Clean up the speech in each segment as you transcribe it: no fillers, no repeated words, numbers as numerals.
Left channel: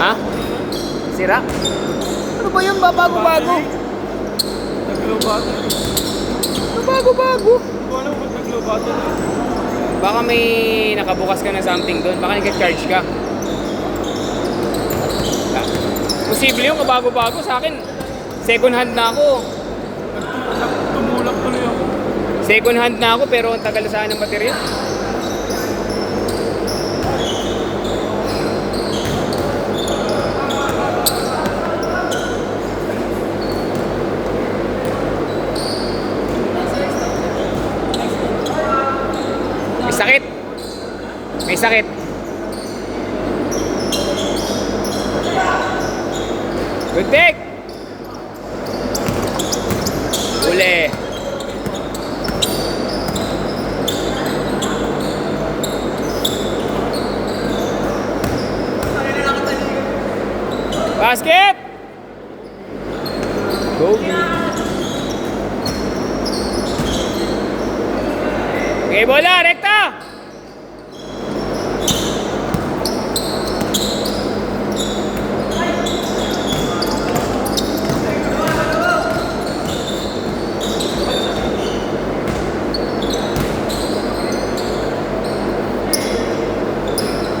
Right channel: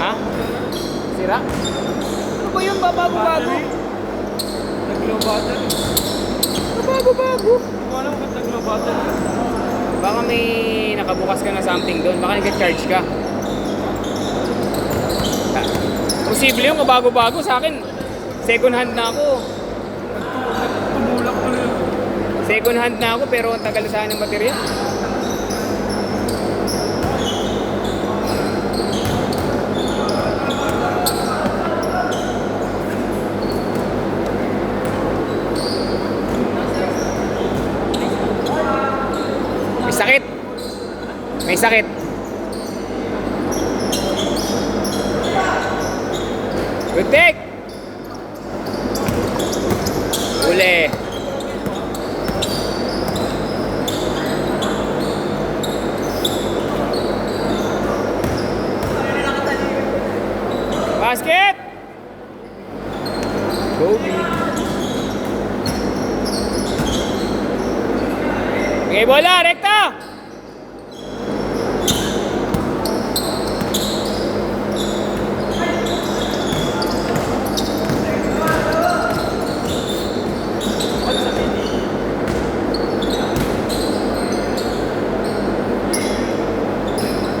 Ha? Sira? Ano ba yun? Bago-bago. Nag-low battery. Bago-bago. Hindi ko alam kung nag-low battery. Baka may nakabukas ka na something doon. Baka nag-charge ka. Posible yung kabago-bago. Sa akin, second hand na ako. Nagtumulak tuloy ako. Second hand na ako pero ang tagal na sana ng baterya. May sakit. May sakit. Good take. Uli. Basket. Kobe. Okay, bola, rekta.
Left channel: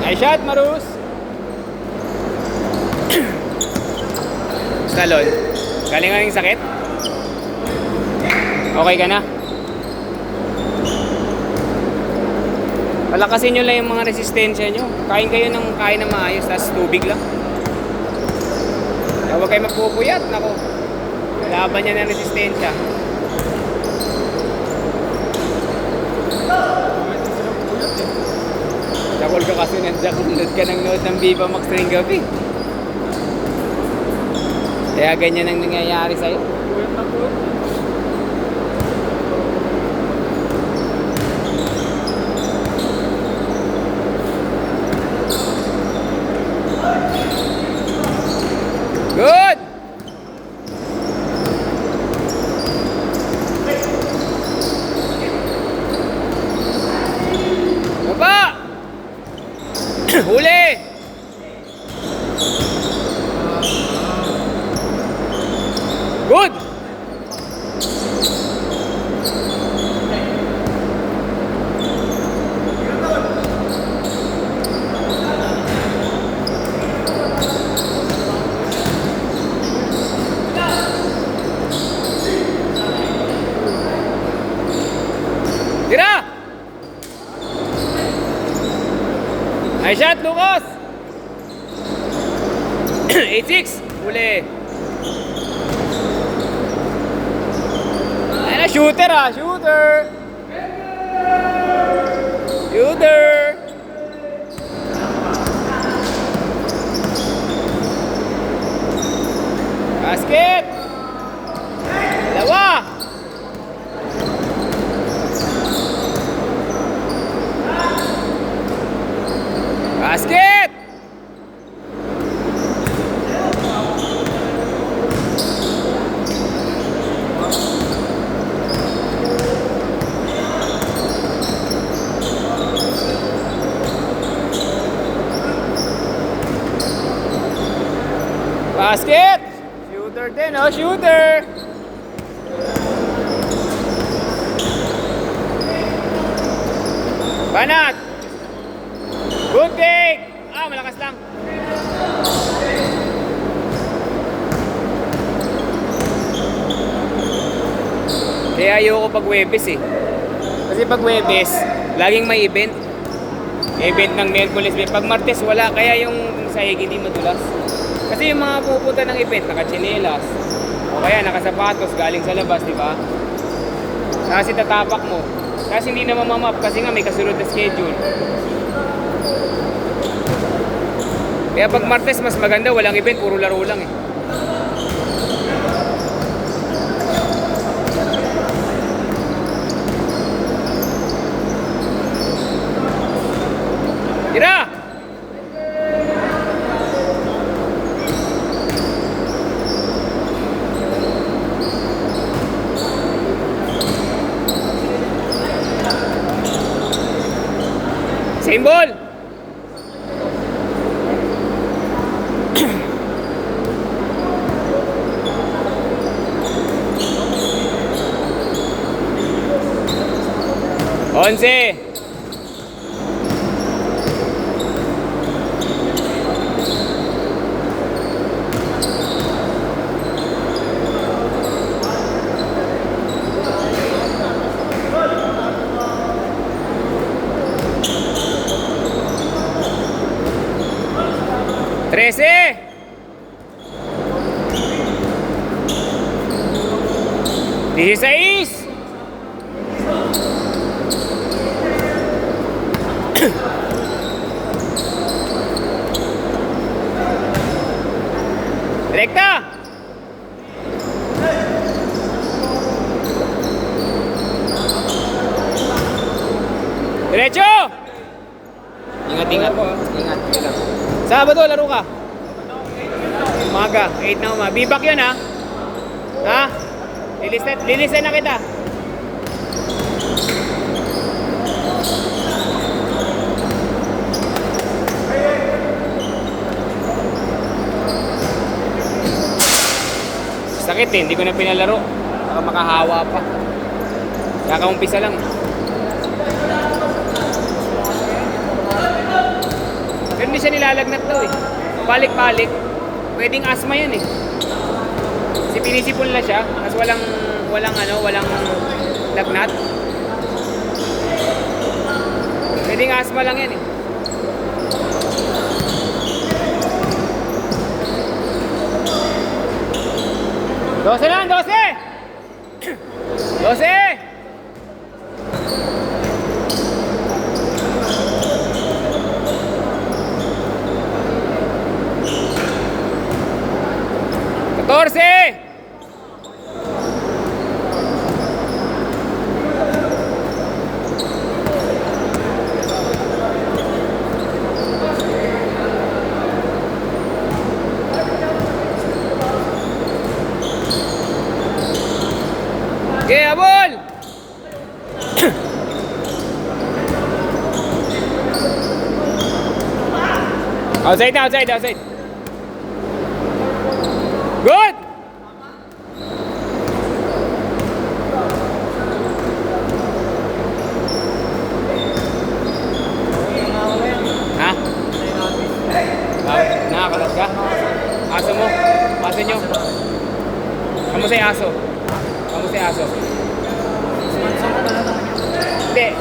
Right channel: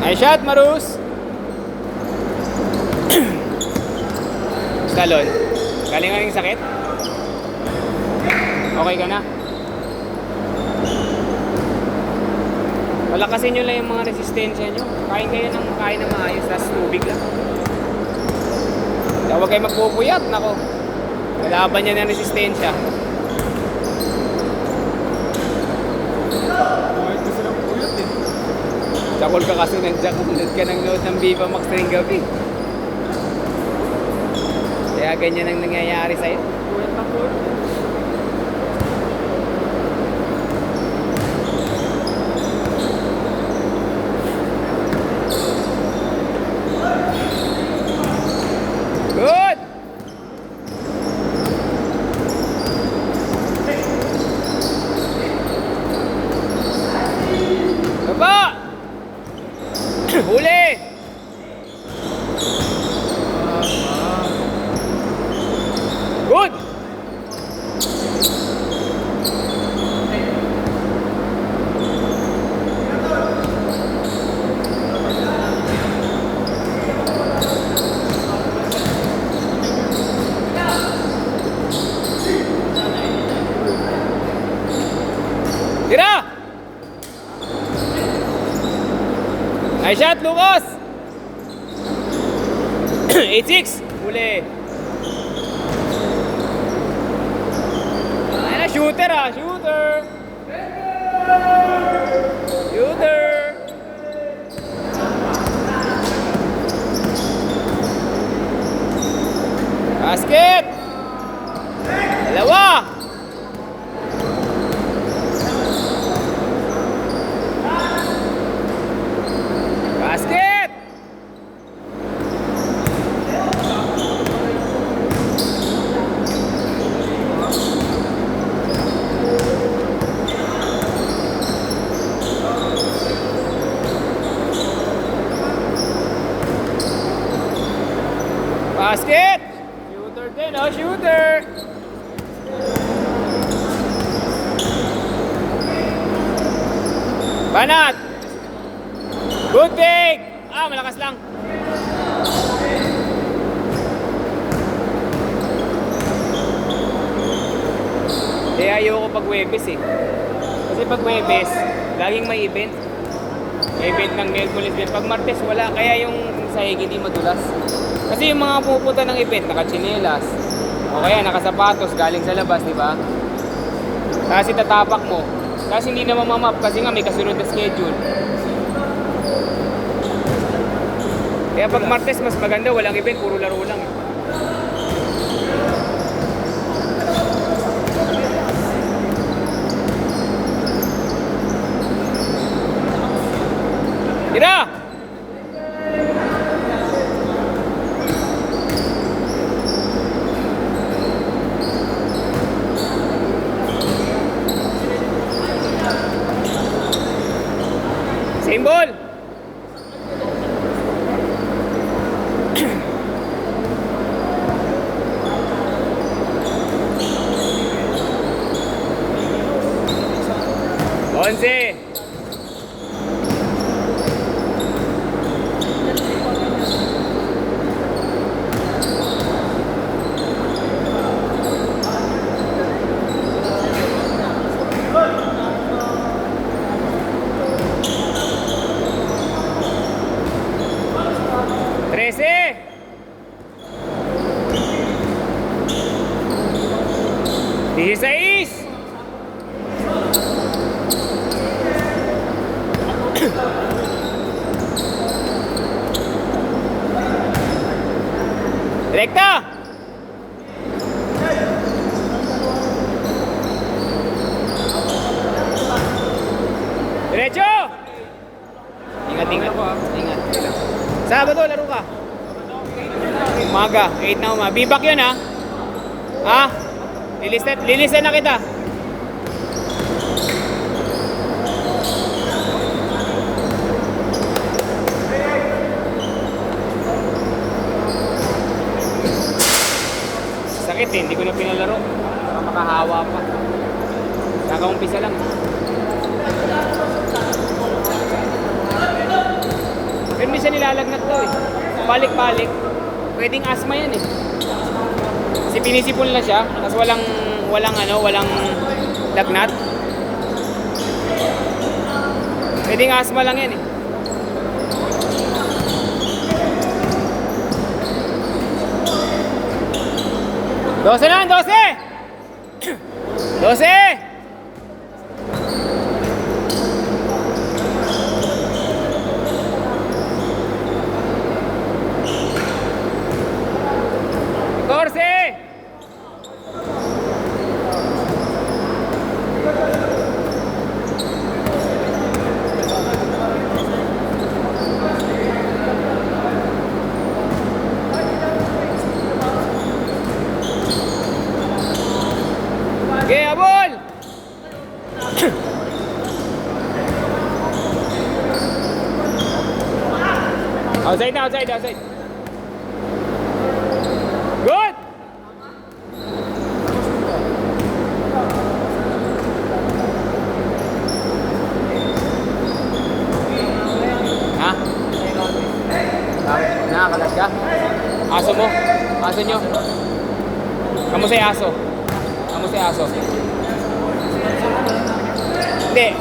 Nice shot, Marus. Talon. Galing nga yung sakit? Okay ka na? Palakasin nyo lang yung mga resistensya nyo. Kain kayo ng kain na maayos, tapos tubig lang. Huwag kayo magpupuyat, nako. Kailaban niya ng resistensya. Jakol ka kasi nandiyan ka ng nood ng Viva Max ngayong gabi. Kaya ganyan ang nangyayari sa'yo. Puyat na puyat. Good! Baba! Huli! Good! Tira! Nice shot, Lucas! 8-6. Huli. Ano, shooter ah, shooter! Shooter! Basket! Dalawa! Basket! Basket! Shooter din, oh, shooter! Banat! Good take! Ah, malakas lang. Kaya ayoko pag Webes eh. Kasi pag Webes, laging may event. Event ng Merkulis. Pag Martes, wala. Kaya yung sahig hindi madulas. Kasi yung mga pupunta ng event, nakatsinelas. O kaya nakasapatos, galing sa labas, di ba? Tapos itatapak mo. Kasi hindi na mamamap kasi nga may kasunod na schedule. Kaya pag Martes, mas maganda, walang event, puro laro lang eh. Tira! Same ball! 11. Trece. 16. Rekta. 'Diretso. Ingat, ingat. Ingat. Sabado, laro ka. Umaga, 8 na umaga. Bibak yun, ha? Ha? Lilisan na kita. Sakit eh, hindi ko na pinalaro. Baka makahawa pa. Nakaumpisa lang. Pero hindi siya nilalagnat daw eh. Balik-balik. Pwedeng asthma yan eh. Kasi pinisipon lang siya, tapos walang lagnat. Pwedeng asthma lang yan eh. Dose na, 12! 12! Okay, abol! Outside na, outside. Good! Ha? Nakakalat ka? Aso mo? Aso nyo? Kamu sa aso? Kamusta yung aso? Hindi.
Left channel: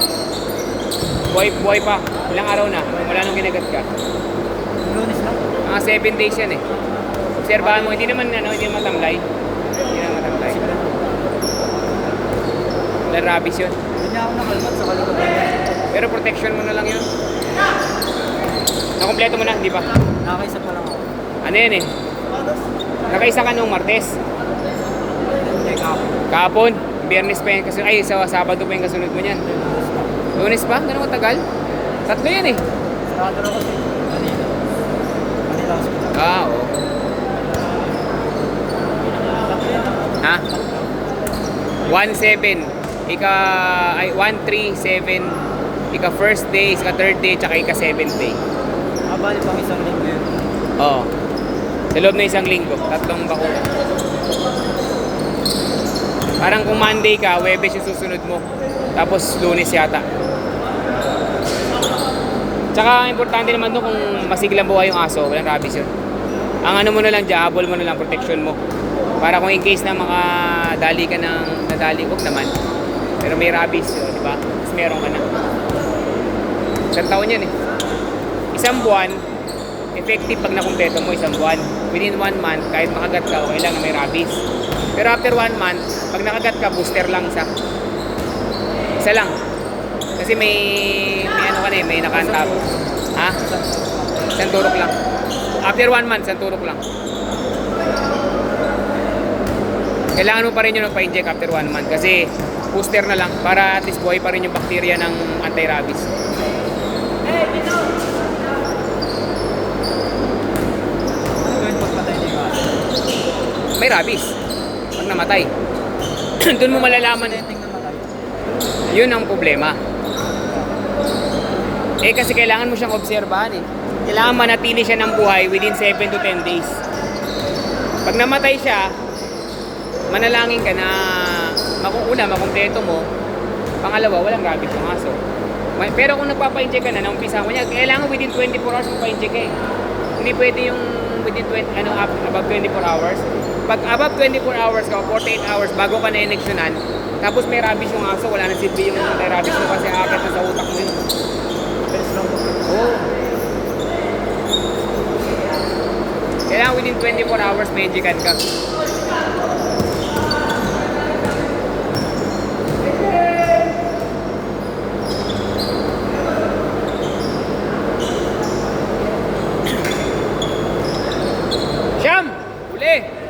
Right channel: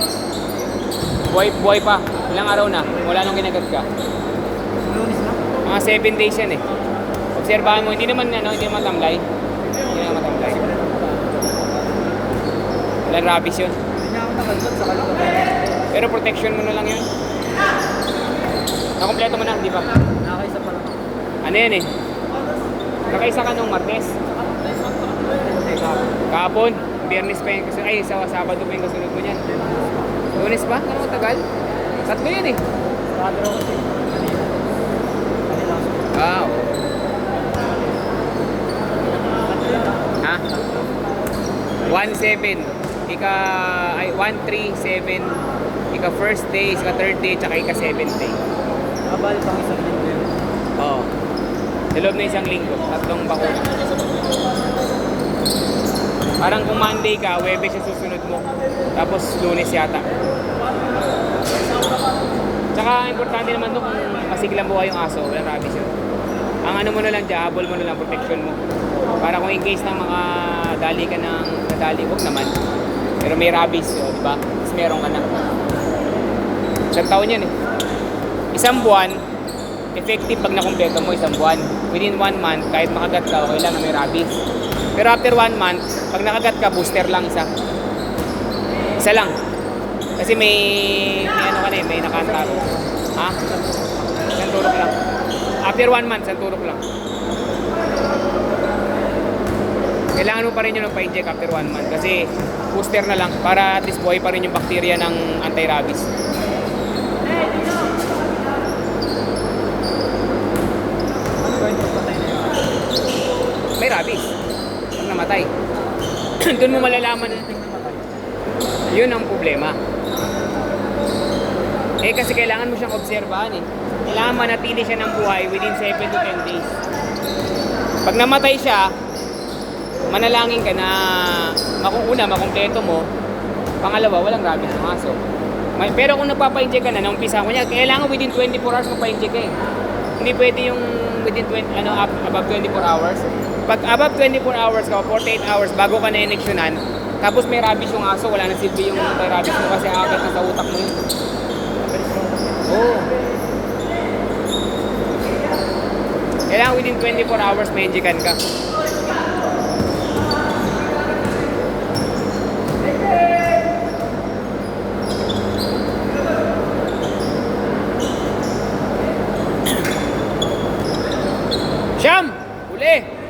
Buhay pa. Ilang araw na. Wala nung ginagat ka. Lunes na? Mga 7 days yan eh. Obserbahan mo. Hindi naman matamlay. Hindi naman matamlay. Walang rabies yun. Hindi niya ako nakalbat sa kalagatan. Pero protection mo na lang yan. Nakompleto mo na, di ba? Nakakaisa pa lang. Ano yan eh? Nakaisa ka nung Martes. Kahapon, Biyernes pa yan kasunod. Ay, sa Sabado pa yung kasunod mo niyan. Lunes pa? Gano'ng katagal? 3 yan eh. Sarado na kasi. Kanina. Oo. Ha? 1-7. 1-3-7. Ika first day, ika third day, tsaka ika 7th day. Abali pang isang linggo yun. Oo. Sa loob na isang linggo, 3 bakuna. Parang kung Monday ka, Webes yung susunod mo. Tapos Lunes yata. Tsaka importante naman no kung masiglang buhay yung aso, walang rabies yun. Ang ano mo na lang, jabol mo na lang, protection mo. Para kung in case na makadali ka ng nadali, huwag naman. Pero may rabies, di ba? Tapos meron ka na. 1 taon yan eh. 1 buwan, effective pag nakumpleto mo 1 buwan. Within 1 month, kahit makagat ka, okay lang na may rabies. Pero after 1 month, pag nakagat ka, booster lang isa. Isa lang. Kasi may ano ka na eh, may nakantap. Ha? 1 turok lang. After 1 month, 1 turok lang. Kailangan mo pa rin yung magpa-inject after 1 month kasi booster na lang para at least buhay pa rin yung bacteria ng anti-rabies. May rabies. Pag namatay. Doon mo malalaman. Yun ang problema. Eh kasi kailangan mo siyang obserbahan eh. Kailangan manatili siya ng buhay within 7 to 10 days. Pag namatay siya, manalangin ka na makumpleto mo. Pangalawa, walang rabies yung aso. Pero kung nagpapa-inject ka na, naumpisa mo niya, kailangan within 24 hours magpa-inject ka eh. Hindi pwede yung within above 24 hours. Pag above 24 hours ka, 48 hours bago ka na-injectionan, tapos may rabies yung aso, wala na silbi yung may rabies mo kasi akit na sa utak mo yun. Oo. Kailangan within 24 hours may injectan ka. Siyam! Uli!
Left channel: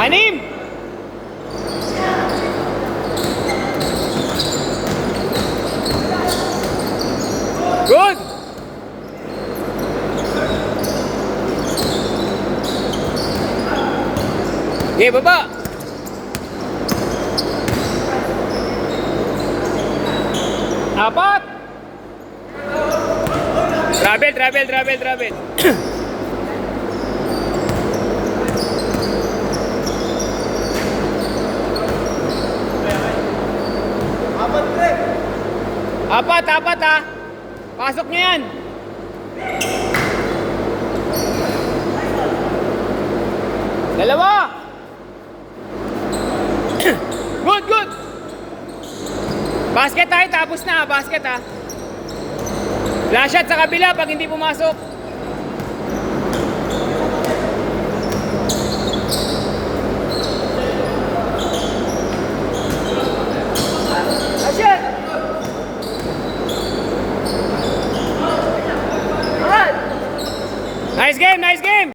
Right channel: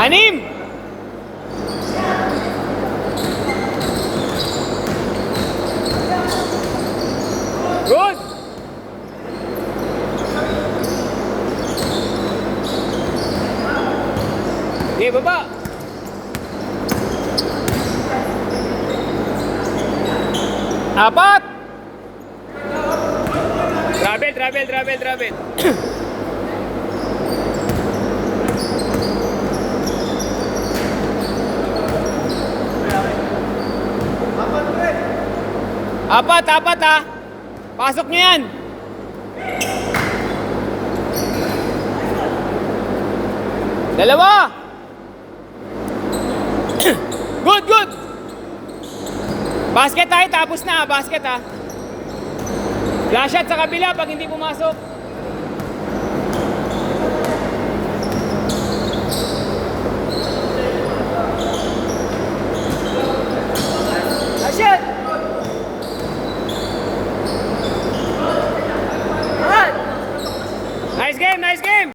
Anim! Good! Okay, baba! Apat! Travel. Apat ha. Pasok nyo yan. Dalawa. Good. Basket tayo, tapos na. Basket ha. Flash shot sa kabila pag hindi pumasok.